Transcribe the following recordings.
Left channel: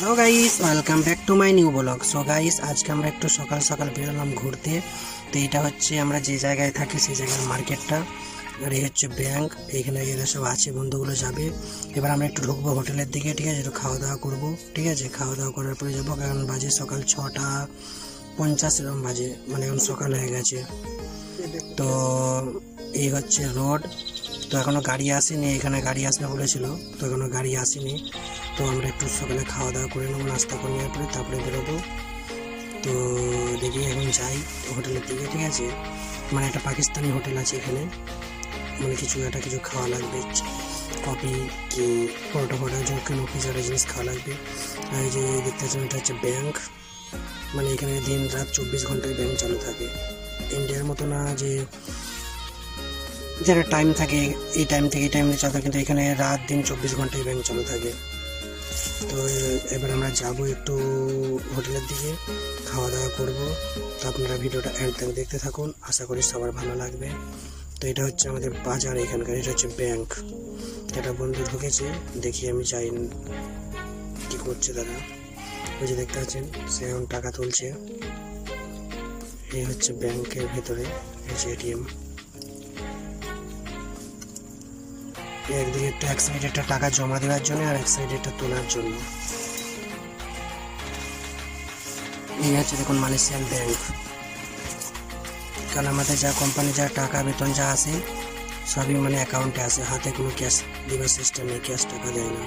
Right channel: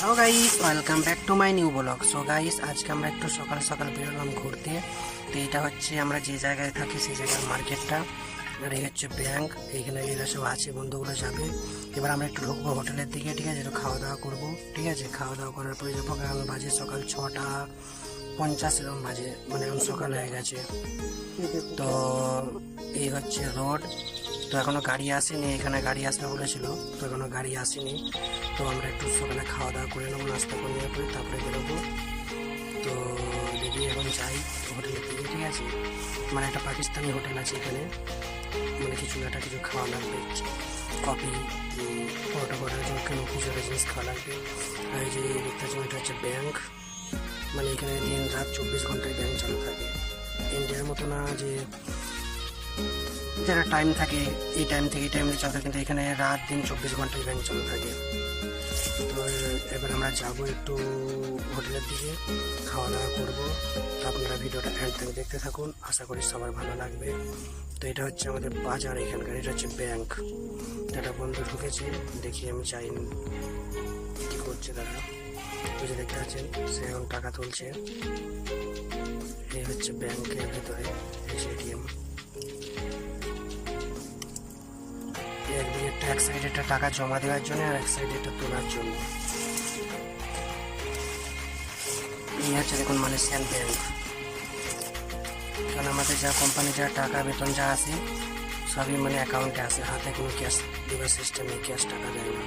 Hello guys, welcome back to my new blog. So guys, আজকে আমরা একটু সকাল সকাল বেরোলাম ঘুরতে। তো এটা হচ্ছে আমরা যে জায়গায় থাকি সেই জায়গার মার্কেটটা, আর এই হচ্ছে ব্যাংক। এইখানে এরা সব আছে, বন্ধুগুলো যাবে। এবার আমরা একটু ঢুকবো হোটেলের দিকে, ঠিক আছে? একটু খাওয়া দাওয়া করবো, ঠিক আছে? খাওয়া দাওয়া করার পরে যাবো, কারণ বাজে সকাল 6:50 এরকম বাজে, মানে এখন সকাল হয়ে গেছে। তো এই হচ্ছে রোড। তো এখনো গাড়ি আসেনি, এখানে গাড়ি আসবে বলেছিল, তো এখনো গাড়ি আসেনি। তো আমরা একটু সকালে খাওয়া দাওয়া করে নেবো, নাস্তা করে নেওয়ার পরে তারপরে বেরোবো। তো দেখি এখন যাই হোটেলের দিকে, ঠিক আছে? মানে একটা পাকিস্তানি হোটেল আছে এখানে, মানে কিছু খাওয়া লাগবে, কফি কি পরোটা ফোটা কোনো কিছু একটা জিনিস খাওয়া লাগবে। আর এই যে দেখতে পাচ্ছেন, এটা হচ্ছে ব্যাংক। মানে এখানে দিন রাত 24 ঘন্টায় ব্যাংক চালু থাকে। ইন্ডিয়ার মতো না যে যারা টাইম থাকে এই টাইম থেকে এই টাইমে চালু থাকে, কিন্তু এখানে রাত দিন 24 ঘন্টায় ব্যাংক চালু থাকে। তো এবার আমরা যাবো একটু হোটেলের দিকে, খাওয়া দাওয়া করবো। তো আপনারা ভিডিওটা এন্ড থেকে দেখতে থাকুন, আশা করি সবার ভালো লাগবে। তো এটা হচ্ছে আমাদের বাজার এখানকার, এটা হচ্ছে ব্যাংক। একটা বন্ধু ঢুকেছে, দেখি আমি যাই কি করছে তারা। ওই যে দেখতে পাচ্ছেন, সে এখন টাকা তুলছে। এই হচ্ছে ব্যাংকের ভেতরে, এই যে এটিএম। একদিকে এক সাইডে একটা টাকা জমা দেওয়ার জন্য, আর এক সাইডে একটা তোলার জন্য। এই হচ্ছে দেখুন মালয়েশিয়ান ব্যাংক। কারণ আমাদের যা কোম্পানি যা টাকা বেতন যা আসে সবই মানে অ্যাকাউন্টে আসে, হাতে কোনো ক্যাশ দেওয়ার সিস্টেম নেই, ক্যাশ টাকা দেয় না।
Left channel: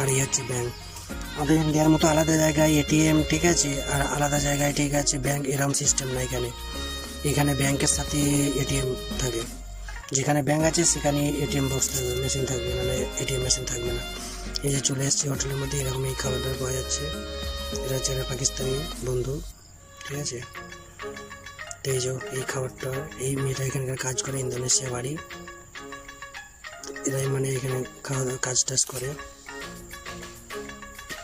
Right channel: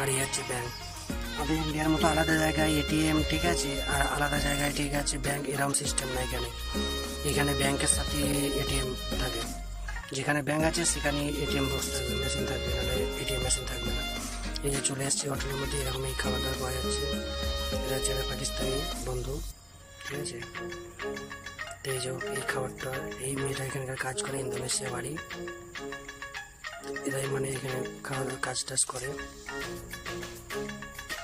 আর এই হচ্ছে ব্যাংক। আমাদের ইন্ডিয়ার মতো আলাদা জায়গায় এটিএম, ঠিক আছে, আর আলাদা জায়গায়, ঠিক আছে, ব্যাংক, এরকম সিস্টেম না এখানে। এখানে ব্যাংকের সাথে এটিএম থাকে। যেখানে ব্যাংক আছে সেখানে এটিএম বক্স থাকবে, মেশিন থাকবে, নাহলে এটিএম মেশিন থাকবে না। এই যে চলে এসেছি হোটেলের মধ্যে, এরকম এই খাবার দাবার পাওয়া যাচ্ছে। এটা হচ্ছে একটা পাকিস্তানি বন্ধু, ঠিক আছে? তো এই যে এই খাবারটা, এই মেয়েটা এখানকার কাজ করে, ইন্দোনেশিয়া বাড়ি। এরাই মানে এখানে খাওয়া দাওয়া কাজ টাজ করে।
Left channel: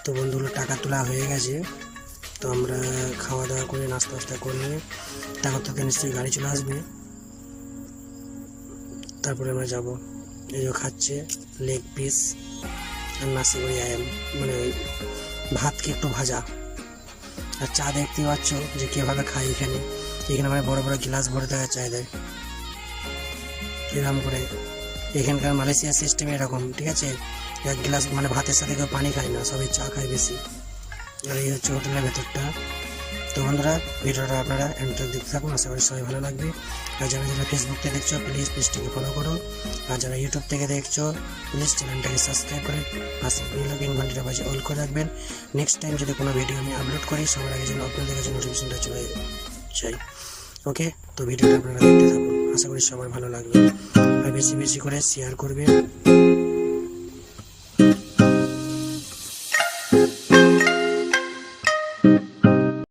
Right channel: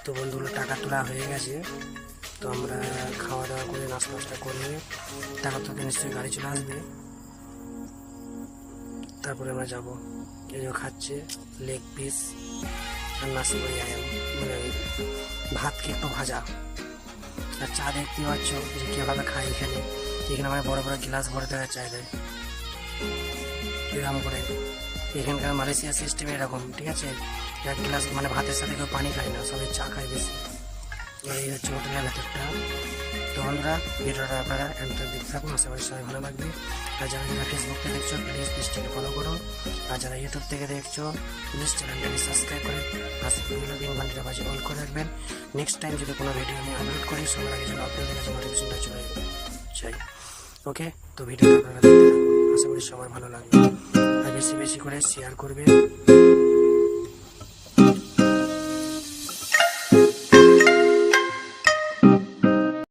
তো বন্ধুগুলো টাকা তোলা হয়ে গেছে। তো আমরা খাওয়া দাওয়া করে নাস্তা টাস্তা করে নিয়ে তারপর তো নিশ্চয়ই গাড়ি চলে আসবে, তারপরে আমরা যাবো। এই যে খাচ্ছে লেগ পিস আর নাসি করে আয়াম, মানে ওই ভাতকে একটু ভাজা, আর চা দেখতে পাচ্ছ যে কীভাবে খায় এখানে। এখানে মানে বড় বড় গ্লাস ভরে দেওয়া চায় দেয় এরকম করে। এখানকার মালয়েশিয়ার সিস্টেম এরকম, ঠিক আছে? এক গ্লাস মানে ভাতের সাথে কেউ পানি খায় না, সবাই চা খায় বেশি। আর এই হচ্ছে হোটেলের ভেতরটা। তো বন্ধুরা, ভিডিওটা আপনারা এন্ড তক দেখতে থাকুন, আশা করি সবাই ভালো লাগবে। আর যারা যারা ফেসবুক থেকে দেখছো প্লিজ পেজটাকে ফলো করো, আর যারা ইউটিউব থেকে দেখছো প্লিজ চ্যানেলটাকে সাবস্ক্রাইব করে পাশে বেল ঘন্টাটা বাজে অল করে রাখবেন। নেক্সট টাইম যদি কোনো ভিডিও আমি আপলোড করি সবার আগে যেন আপনাদের কাছে নোটিফিকেশনটা চলে যায়। ওকে, তো ভিডিওটা আপনারা দেখতে থাকুন, আশা করি সবার ভালো লাগবে। আর বেশি বেশি করে শেয়ার করবেন।